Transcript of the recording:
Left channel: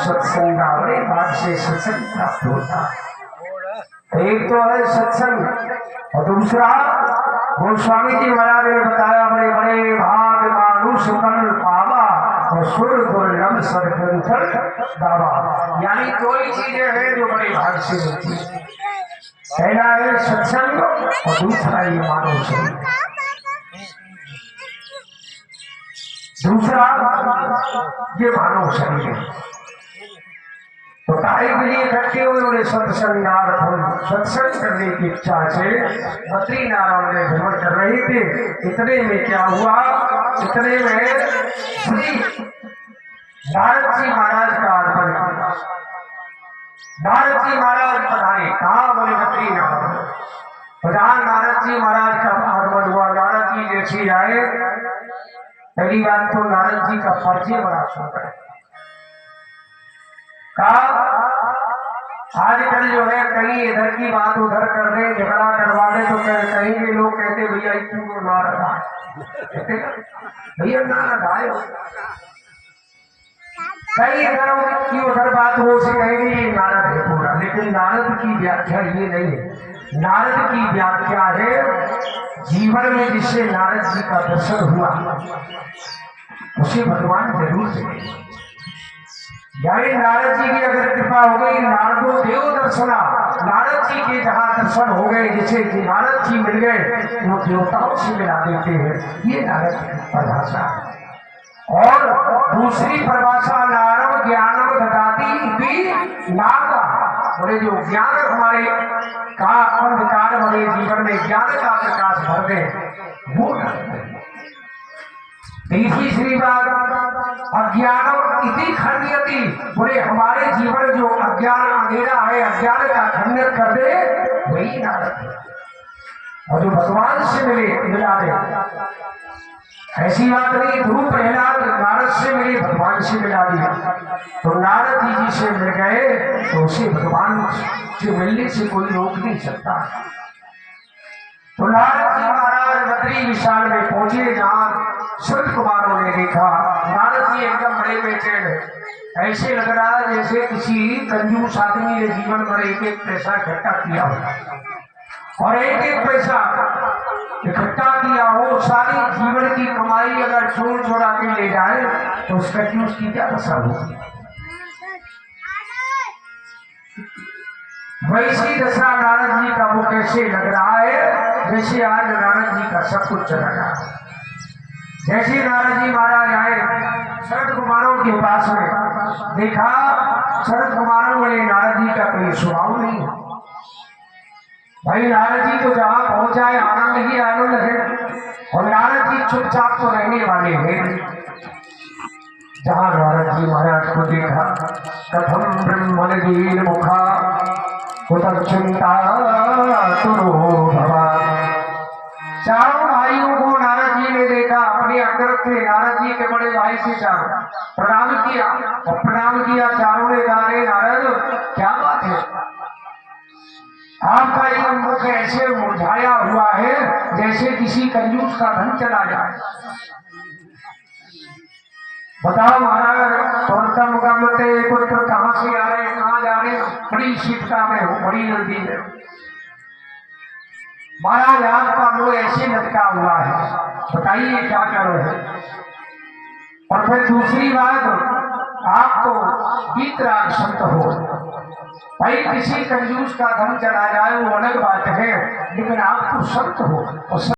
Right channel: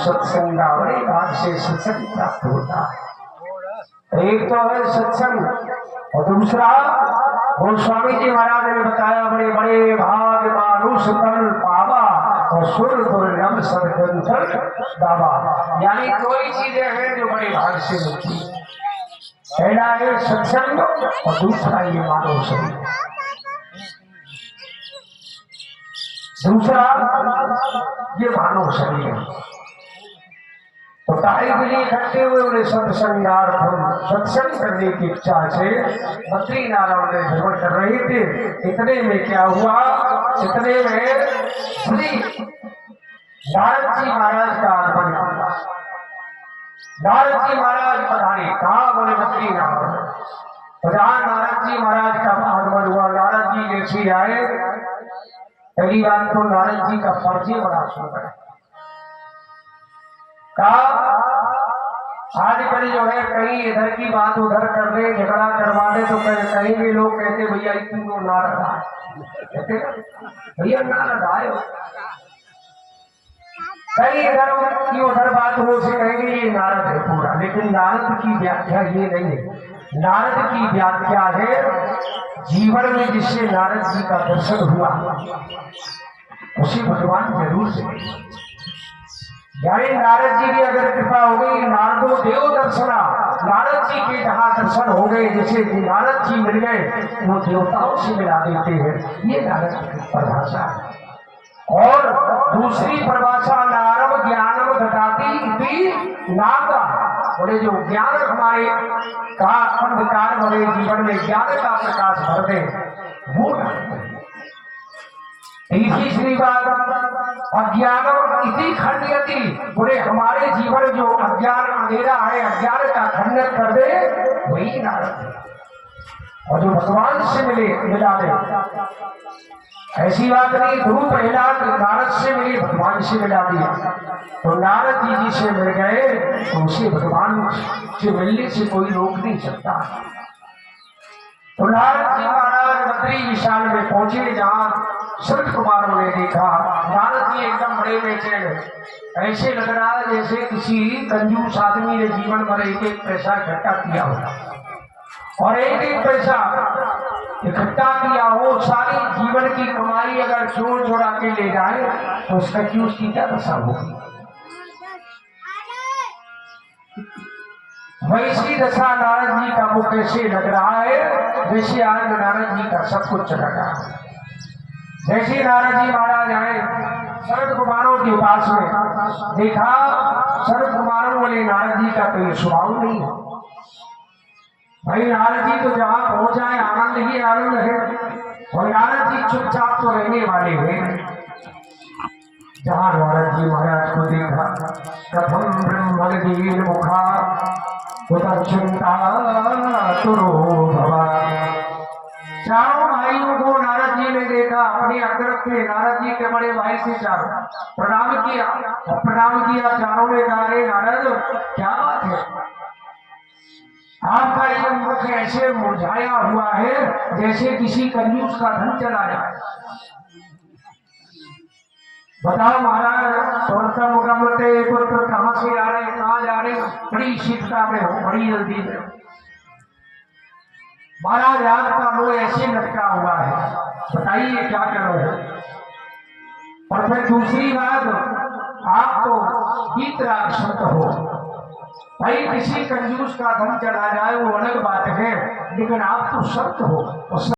सत्संग बड़े भाग से सत्संग प्राप्त होता। एक तो है सत्संग और दूसरा गोस्वामी जी महाराज ने बताया बड़े बड़े भाग मानुष तन पावा और सुर दुर्लभ सदग्रंथर दावा। यानी दो ही चीजें हैं जो बड़े भाग से मिलती है। पहला है सत्संग और दूसरा ये मानव शरीर। दूसरा ये मानव शरीर है। तो तारीख के लिए इकट्ठे हुए उन्हें सत्संगार्थम सत्संग करने की इच्छा से बद्रीनारायण में भ्रमण कर रहे थे। इतने में क्या हुआ, इतने में श्री नारद जी महाराज का आगमन हुआ। नारद जी महाराज पधारे, कहा बोले बद्रीनारायण। जहाँ नारद जी महाराज का आगमन हुआ, नारद जी जैसे आए, पहली बात तो नारद जी का परिचय बड़ा सुंदर है। आजकल जो है कहीं इधर की बात उधर कर दे, झगड़ा करवा दे, तो कहीं भी लोग कहते भैया इतनी तो नारद आए, भैया नारद आए। कहीं इधर की उधर बात हो से कहेंगे ये नारद है पूरा। लेकिन नारद की व्याख्या ये नहीं है। नारद की व्याख्या है जीवन में जिससे नारद जी का दर्शन हुआ उसे भगवान जरूर से। यानी नारद जी की अगर कृपा हो गई, नारदो देव दर्शना, नारद जी के जहाँ दर्शन हो गए, जैसे नारद जी मिल गए वो देवताओं से मिला देते हैं। ये नारद की परिभाषा है। और दूसरी परिभाषा नारद ज्ञानम ददाति इति नारदा। बोले जो ज्ञान हमारे का अंधकार भरे जीवन में ज्ञान का प्रकाश भर दे वो तीसरी श्री बात अज्ञानम इति खंडयति। बोले हमारे जीवन जो अज्ञान अंधेरा है, अज्ञान का खंडन कर दे वही नारद है। और जो भगवान से मिला दे, ऐसी बात नहीं ध्रुव प्रहलाद नारद से मिले भगवान से मिला दिया। तो नारद जी से मिल गए तो उसे भगवान से मिलने से कोई रोक नहीं सकता। तो नारद जी महाराज बद्री विशाल में पहुंचे, जहाँ संत कुमारों ने देखा नारद जी एकदम बड़े बेचैन। ऐसे लग रहा जैसे किसी कंजूस आदमी ने जीवन भर एक एक पैसा इकट्ठा किया हो और एक एक पैसा इकट्ठा किया हो, सारी जीवन की कमाई अगर चोर चोरा के ले जाए तो उस कंजूस की क्या दशा होगी। वैसी दशा नारद जी का वो कैसे लग रहा है जैसे आज नारद जी का सब कुछ चला गया। जैसे नारद जी महाराज आए शरद कुमारों के पास में, देखा शरद कुमारों वाले नारद जी का कोई स्वभाव नहीं है। भाई नारद जी तो जहाँ पहुंच जाए आनंद ही आनंद है, और नारद जी चुपचाप तो रहने वाले हैं। जहाँ नारद जी महाराज को देखा कथम ब्रह्मण मुखा चिंता तुरो भवा। चारों भाइयों को नारद जी ने देखा, अपने अग्रत थे नारद जी के बड़े भाई से चारों प्रणाम किया, और प्रणाम किया चारों ने कहा, रे नारद क्या बात है, आपका ये मुख ऐसे मुरझाया हुआ है जैसे किसी कंजूस का धन चला जाए। बताओ महाराज, तोड़ता मुकाबलते पुत्र कहाँ से आ रहे हैं, कहाँ जा रहे हैं, बड़ी शीतता में हो, बड़ी जल्दी में। महाराज आपका मुंह ऐसे लटका हुआ है, बताइए क्या करो है। और फिर दूसरी बात, आप तो वीतराग संत हो, भाई किसी कंजूस का धन चला जाए वो अलग बात है, लेकिन आप तो संत हो।